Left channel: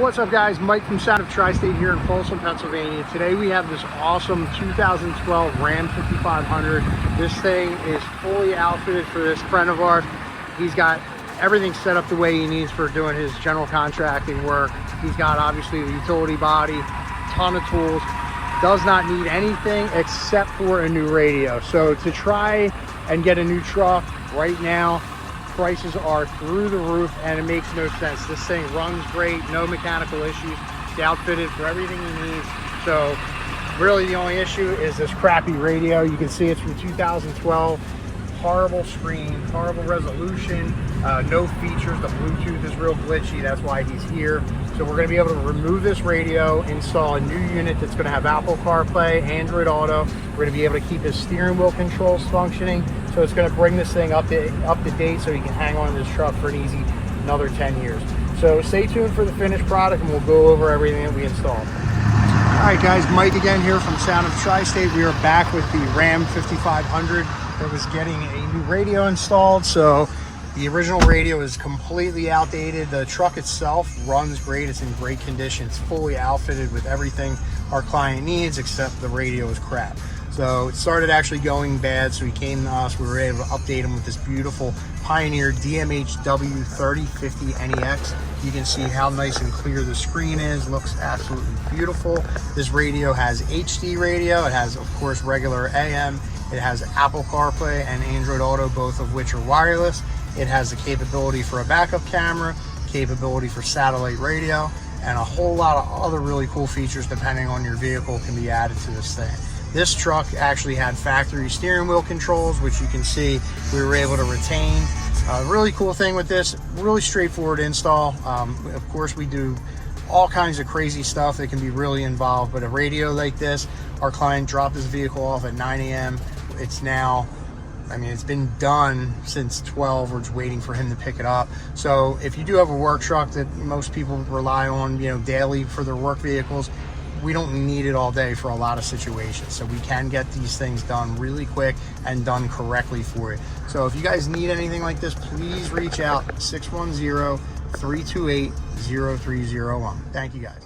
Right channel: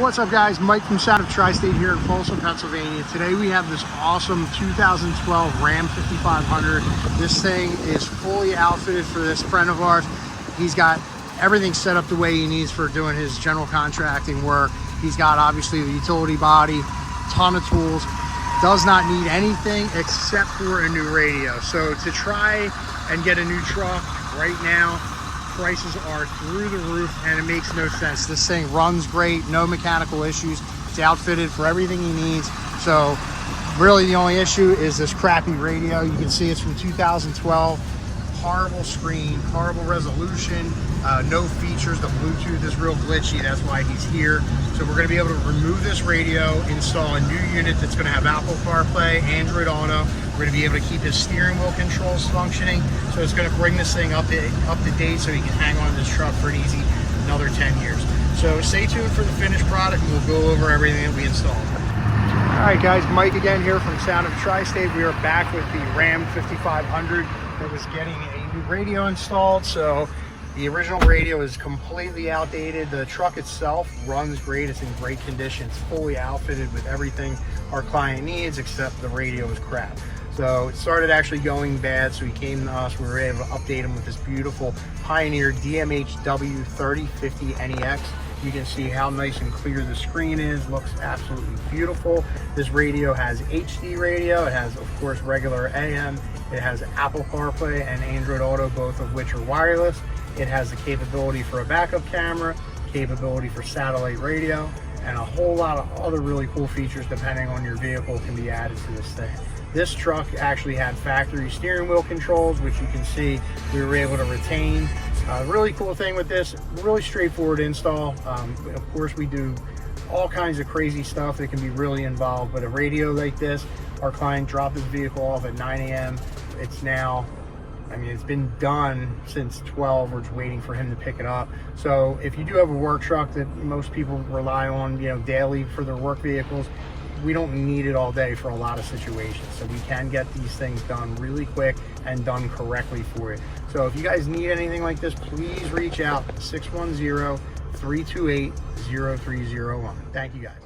What's up guys, Mike from Soundoftristate here in Folsom, Pennsylvania. Today we have this awesome 2012 Ram 5500. This thing is fully outfitted for this friend of ours. He's got everything set up the way he needs for doing his general contracting work. He's got obviously the utility body, ton of tools, does not need anything except for a new radio. So to try and get a new truck right now, prices are through the roof and it makes no sense. This thing runs great, no mechanical issues. It's outfitted for everything he needs. So really the only issue is this crappy radio. You can see it's from 2012. Horrible screen, horrible resolution, no features. The Bluetooth is real glitchy. That's why he's here. So we're going to be able to remove this radio, install a new unit that's going to have Apple Carplay, Android Auto. We're going to be able to keep his steering wheel controls functioning. So it's going to bring this thing up to date so he can hang on to this truck for an easy another 10 years. So stay tuned for the finished product and we'll go over everything that we installed. All right guys, Mike again here from Soundoftristate. We are back with the Ram 5500 that was getting a new radio installed. So the original radio is completely outdated. The truck itself runs great. It's in great condition. It's fully outfitted with everything our client needs, except the radio is crap. So it started actually going bad, so he came to us. We were able to update him with this beautiful Pioneer DMH-W3050NEX. You can see how nice and clear the screen is. Looks absolutely beautiful. This radio has HD radio. It has, of course, regular AM. It has Apple CarPlay and Android Auto, both of which are wireless. It has the capability for a backup camera, capability for satellite radio, and a whole lot of other really cool features depending on your vehicle can be added to this thing. This truck actually had factory steering wheel controls, which you can see we were able to retain. Really cool thing with this, really straightforward install. Of course, we do all kinds of crazy stuff that can be really involved, but a radio like this, our client dropped his vehicle off at 9 a.m. It's now, I mean, it's been done since 12. We're just waiting for him to pick it up. So if you do have a work truck that most people rely on, daily for their work vehicles, we don't need it all day for a lot of situations. So we can get these things done really quick and done correctly for you. So if you guys need anything like this, please reach out 610-328-0301. Thank you guys.